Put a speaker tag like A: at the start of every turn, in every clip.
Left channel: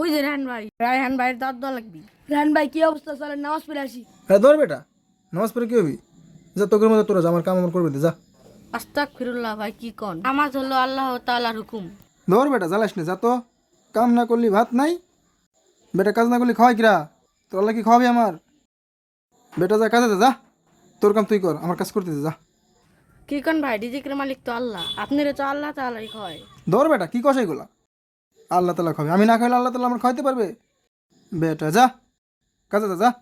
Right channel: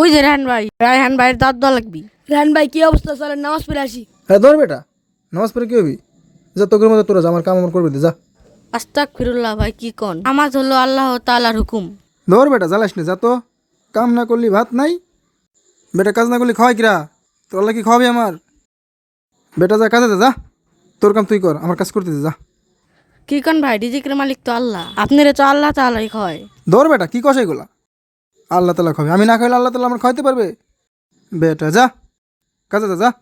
A: ওই যে রায়হান ভাই রায়হান ভাইয়ের দাঁত দেওয়া লাগবি।
B: রান ভাই কি অবস্থা? চলেন নামাজ পড়ে আসি।
C: হ্যাঁ ধর বেটা। নামাজ পড়ে কি হবি? যা তোকের মতো তোরা যা আমার কাম আমার করবি দে, যা।
A: আস্তাক ফিরুল্লাহ ভাই কি কন? আমার হলো আল্লাহ তাআলার হুকুম।
C: ধর বেটা জ্বালাস না যা তো। কাম না করলি ভাত নাই। বেটা কাজ না করলি খাওয়াই কিরা? তোর আল্লাহ কি খাওয়াবি আমার? বেটা যা কাজে যা, যা। তোর কাম তুই কর আমার কাজ করতে দে, যা।
A: কি কন ভাই ডিজিকের মালিক তো আল্লাহ। আপনারা তো আল্লাহ তাআলাই হয়।
C: ধর বেটা কি কষাই গোলা আল্লাহ তালা খাবে। আমি না খাইলে আল্লাহ তালা আমার খাওয়াইতে পারবে? বেটা যা। কাজে যা, যা।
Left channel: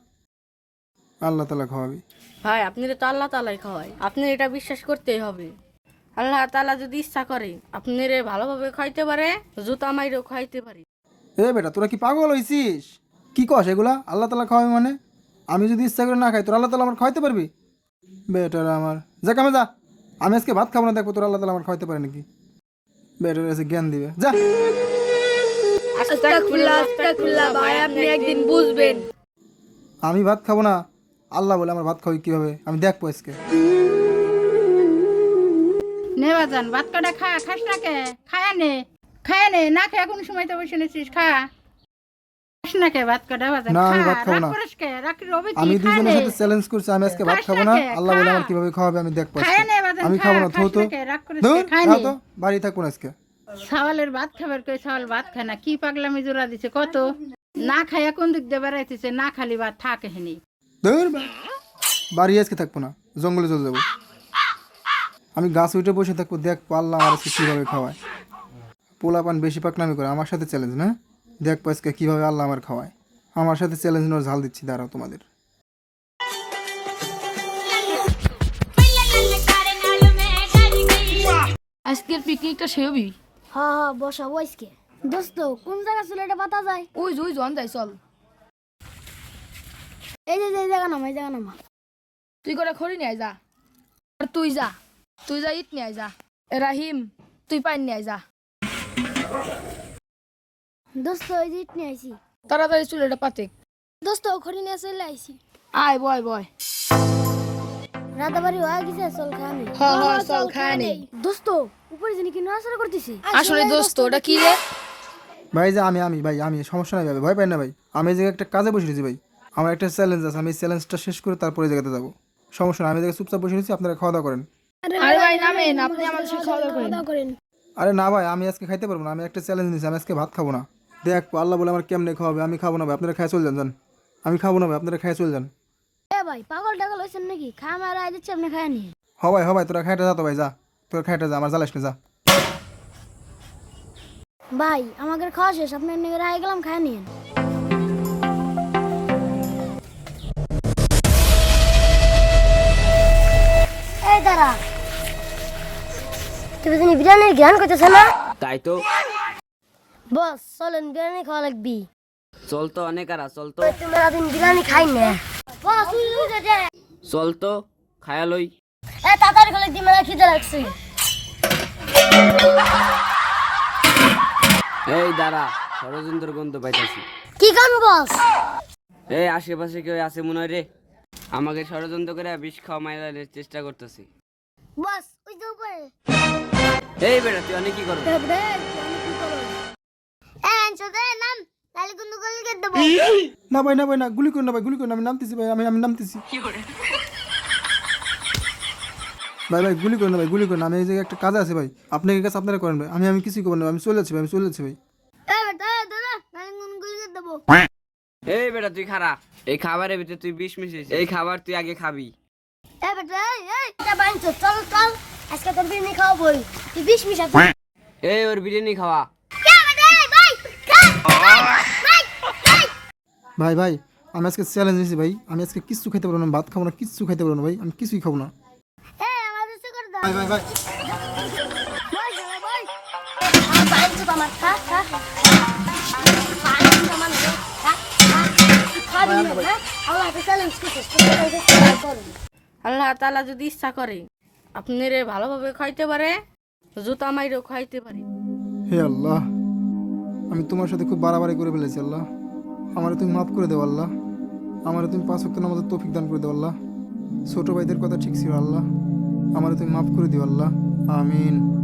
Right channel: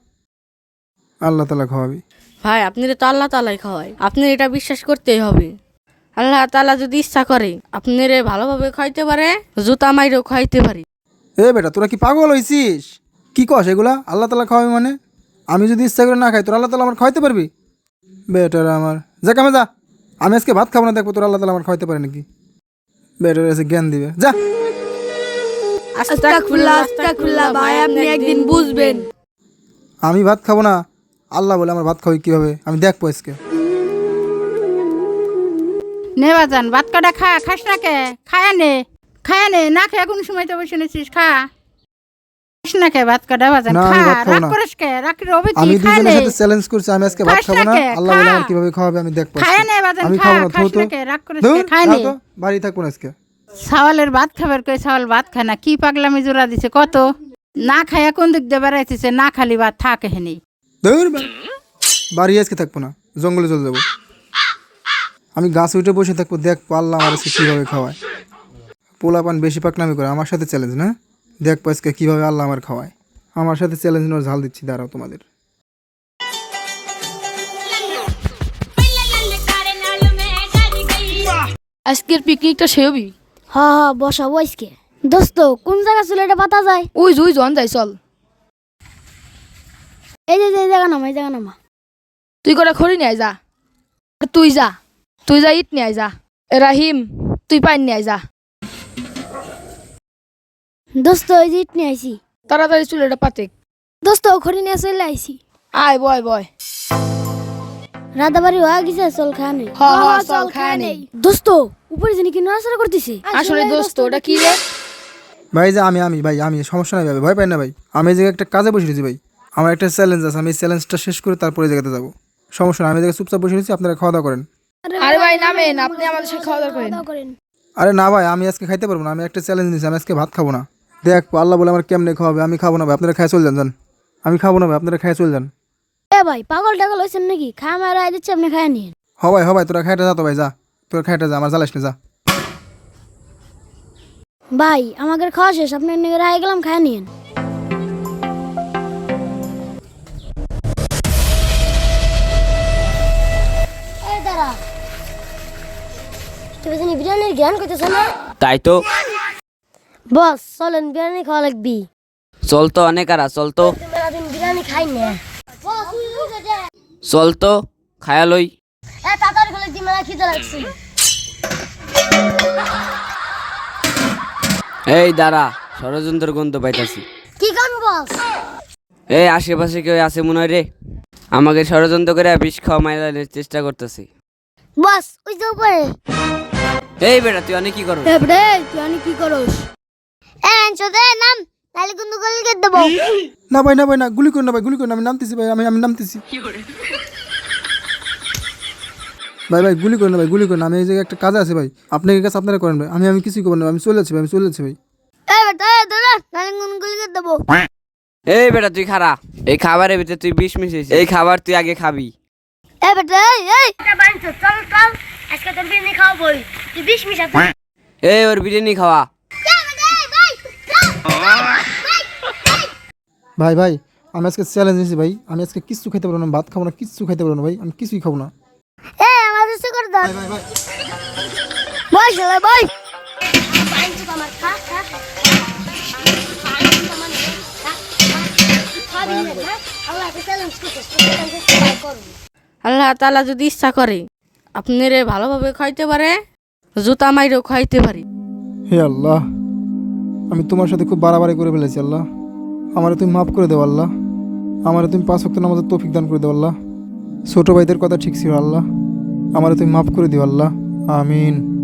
C: আল্লাহ তালা খাওয়াবি।
A: ভাই আপনারা তো আল্লাহ তালাই খাওয়ায়। আপনি এটা বিশ্বাস করতেই হবে। আল্লাহ তালা যদি ইচ্ছা করে আপনারে ভালোভাবে খাইতে পারে জুতা মাইরেও খাইতে পারে।
C: এ বেটা তোরা কি পাগল হয়েছিস কি কস এগুলা? আল্লাহ তালা খাওয়াবি মানে? আমি যদি ইচ্ছা করে না খাই তোর আল্লাহ তালা আমার খাওয়াইতে পারবি? বেটারা আমার। যা কামে যা। আমি আজকে ভাত খাব না দেখব তোর আল্লাহ তালা আমার খাওয়াইতে পারে নাকি? বেটার এসে জ্ঞান দিবে। যা।
B: ভাই আপনি একদিন বুঝবেন।
C: আমি ভাত খাব না। আল্লাহ বলে আমার ভাত খাওয়াই কীভাবে? আমি দেখব আজকে।
D: নে বাজান ভাত কাটা খা খাস না কে? খায় নে খায় নে না খেয়ে কোন সময় তো বসে নিছিস খা। খাস না কে ভাত কাটা বাজান
C: না,
D: খা
C: আমি ভাত খাব
D: রাগ করিস কে? রাগ রবি কি? খায়
C: দুজনের সাথে চ্যালেঞ্জ করছি আমি আজকে ভাত খাব
D: না।
C: আল্লাহ বলে আমার কীভাবে খাওয়াবে আমি দেখব
D: খায়
C: আজকে।
D: নে বাজান
C: আমি খাব না থো তো
D: না রাগ করিস কে? খায় নে।
C: তো বাড়ি থাকব আজকে।
D: ছাওয়ালের ভাত খাবার কই? ছাওয়াল ভাত খায় না। কি পাগলামি জোড়া দিছে কত? না খাইয়া কোন দিক দিয়ে বেড়াইতেছে? না খালি ভাত থাকে হেনি
C: বাড়ি আজকে থাকব না জঙ্গলে চলে যাব। আমি গাছ উঠে বসে থাকব দেখ আল্লাহ আর আজকে কীভাবে খাওয়ায়। পোলা পান বেশি পাকনামি করে আমার সাথে চ্যালেঞ্জ না? দেখব আজকে কীভাবে আল্লাহ আমার খাওয়ায়। আমার সাথে চ্যালেঞ্জ নেওয়ার ঝাল দিচ্ছি দাঁড়াও তোমাদের।
B: আজকের পিকনিকটা সে
E: হ্যাঁ হ্যাঁ বসাবো আজকে দোস্ত কোন জায়গা ছিল এটা পাতা যায়?
B: ওই জুই জন যাই চল।
E: এই যে এই জায়গা নামা এই জায়গা নামা।
B: তুই করে খড়ি নিয়ে যা। আর তুই যা তুই যা ইট নিয়ে যা। রাহিম তুই পাইন নিয়ে যা।
E: দোস্ত ওই যে ইট নিয়ে আইছি।
B: তাড়াতাড়ি চুল এটা পাতে।
E: দোস্ত খড়ি নিয়ে চলে আইছি।
B: আয় বয় বয়।
E: রাধাবাড়ি হয়ে গেছে চল খানে
B: হ্যাঁ, হ্যাঁ, চল খায়া নেই।
E: দোস্ত উপরে জানি কি নড়াচড়া করতেছে?
B: আসলে দোস্ত ওটা কি রে
C: ভাই যে আমি আমি ভাই আমি সমস্যা নাই ভাই ভয় পাই না ভাই। আমি এই একটা কাজে বসে রয়েছি ভাই। আমার একটা চ্যালেঞ্জ আছে আমি চ্যালেঞ্জটা শেষ করে তারপরে এই জায়গাতে যাব। সমস্যা নাই আমি এই জায়গায় চুপচাপ বসে রয়েছি আপনারা খাওয়া দাওয়া করেন।
B: আরে ভাই নামেন আপনি আমাদের সাথে খাওয়া দাওয়া করেন।
C: আরে না ভাই আমি আজকে খাইতে পারব না আমি একটা চ্যালেঞ্জ নিয়েছি আমি আজকে ভাত খাব না। দেখ আল্লাহ বলে আমার কেমনে খাওয়াবে আমি খাব না ভাই আপনারা খাই চলে যান যান। আমি খাব না ভাই আপনারা খাই চলে যান।
E: এ ভাই পাগল টাগল হয়েছেন নাকি? খা মারা দিচ্ছে আপনি খায় নিন
C: হ ভাই হ ভাই তোরা খাইটা যা তো ভাই যা। তোরা খাইটা যা আমার জ্বালাস না যা।
E: ভাই আমাকে খাওয়া শেষ আপনার নিয়ে রায় গেলাম খায় নিন এই দাঁড়া তুমি জানি বিরিয়ানির জ্ঞান করতেছ না?
F: তাই তো।
E: বস চলেন বিরিয়ানি খাওয়া লাগবি।
F: চল তো অনেক আর চল তো।
E: বিরিয়ানি খাই না। বস উই উই
F: চল তো খায়ালই
E: এ তাড়াতাড়ি করে দি খিদে লাগছে।
F: এই দাঁড়া ষড়যন্ত্র গন্ধ পাইতাছি।
E: কি কাম বস?
F: এই আশেপাশে কেউ আছে মনে হয় রে? আমাকে ষড়যন্ত্র করে বিষ খাওয়া মাইলানোর চেষ্টা করতেছি।
E: বস ওই যে উপরে।
F: এই বেটা তুই অনেক কি করো
E: এ বে তুই আমি কি করস? এ চোদে নাম। তাহলে কিন্তু গলি কে দেব।
C: না ভাই না ভাই না গুলি করুন না ভাই গুলি করুন না, আমি নামতেছি ভাই আমি আমি নামতেছি। ভাই ভাই গুলি করুন না ভাই গুলি করুন না, আমি এই জায়গায় একটা কাজ আছে ভাই। আপনার কাছে আপনারা করেন ভাই। আমি আমি কিছুই করব না আমি চলে যাচ্ছি ভাই। আমি চলে যাচ্ছি ভাই।
F: এই বেটা তুই খারা এই খাবারের ভিতরে তুই বিষ মিশিয়েছিস। এই খাবার তুই আগে খাবি।
E: এ বেটা এই এই। এটা বানছ চল চল। আজকে তোর বিরিয়ানি খাওয়াবই তুই বিশ মিশা
F: এই ওর বিরিয়ানি খাওয়া।
C: ভাই? ভাই আমি আজকে চ্যালেঞ্জ নিয়েছি ভাই। আমি আজকে কিচ্ছু খেতে পারব না ভাত খাব না কিচ্ছু খেতে পারব না ভাই। আমি কিছুই খাব না।
E: করে দাও হ্যাঁ?
A: আল্লাহ তাআলা যদি ইচ্ছা করে আপনারে ভালোভাবে খাইতে পারে জুতা মাইরেও খাইতে পারে।
C: হে আল্লাহ আমি তোমার সাথে খুব বাড়াবাড়ি করে ফেলেছি আল্লাহ। আমারে তুমি মাফ করে দেও আল্লাহ। আমারে তুমি পাঁচ ওয়াক্ত নামাজের তৌফিক দান করে দেও আল্লাহ। ছোট ভাইদের কথা ঠিক ছিল আল্লাহ। আমারে তুমি মাফ করে দিও আল্লাহ আমিন।